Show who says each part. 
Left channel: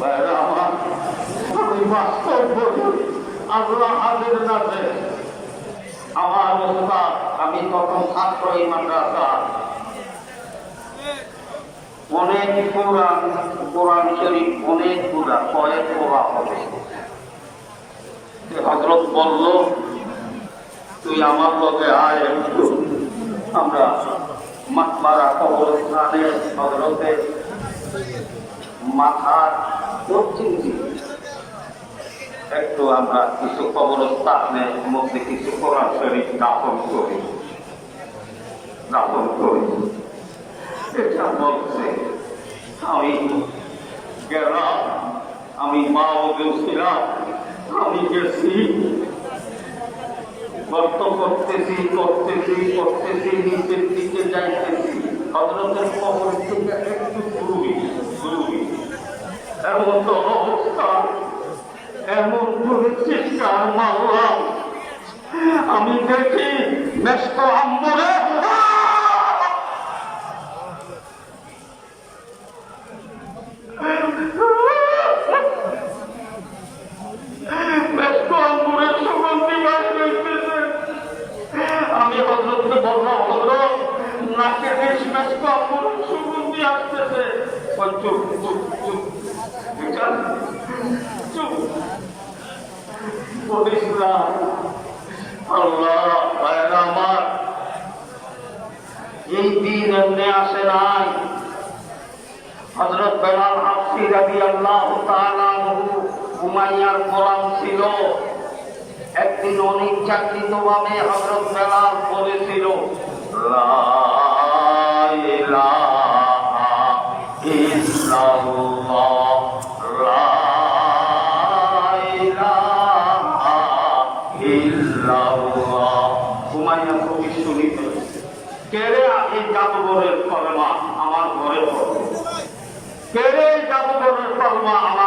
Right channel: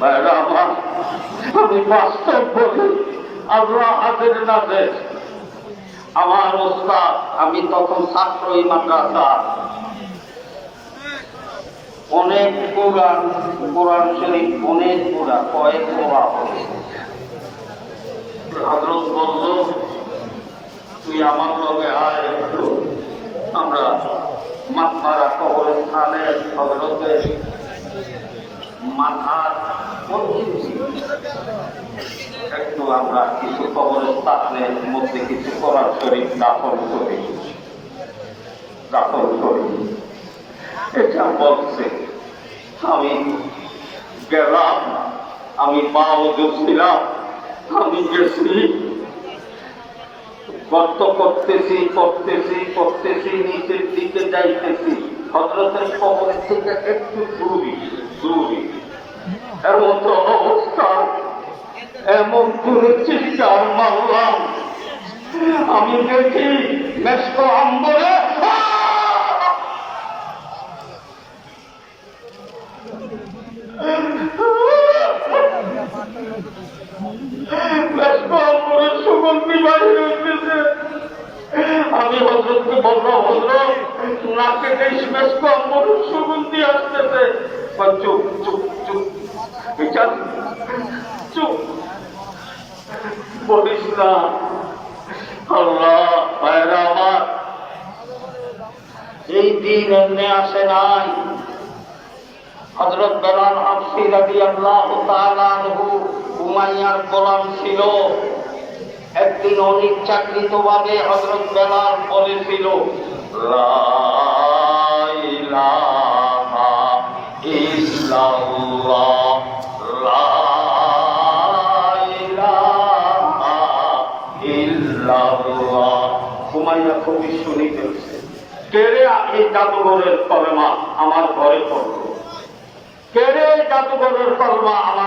Speaker 1: ভাইরা আমার আমি তখন ছাত্র মাদ্রাসা। অনেক কোরআন কোরআন শরীফ, অনেক পুরা, কয়েক পড়া হবে। হজরত বলল, তুই আমার লগে আয় একটু। আমরা মাতমারা কবরস্থানে হজরতের মাথার একটু আমরা কিছু কবরস্থানের মধ্যে কিছু কোরআন শরীফ দাপন করি। দাপন করি। এটা বলছে, আমি গেলাম, আমি মা ছিলাম, আমি গেছি। গর্ত করতেছি করতেছি করতেছি, নিচের দিকে যাইতেছি। হজরতের কবর থেকে একটু দূরি দূরি। এমন তো অবস্থা। এমন কোন চিৎকার মারলাম। আমি দেখি মেস্ক আম্বরে। আমি হজরতকে বললাম হজরত নাকে আম্বরের সুগন্ধি আসতেছে। বিচার। চুপ। বলিস না আল্লাহ আমার। এই দিন এমনি আসে নাই। হজরত বেলাল হাফসি রাবি আল্লাহ তালু উমাইয়ার ছিল। একদিন অনিচ্ছাকৃত ভাবে হজরত বেলাল বলেছিল আমার ঘরে পড়বে। কেড়ে জাদুঘরের কলমা আমার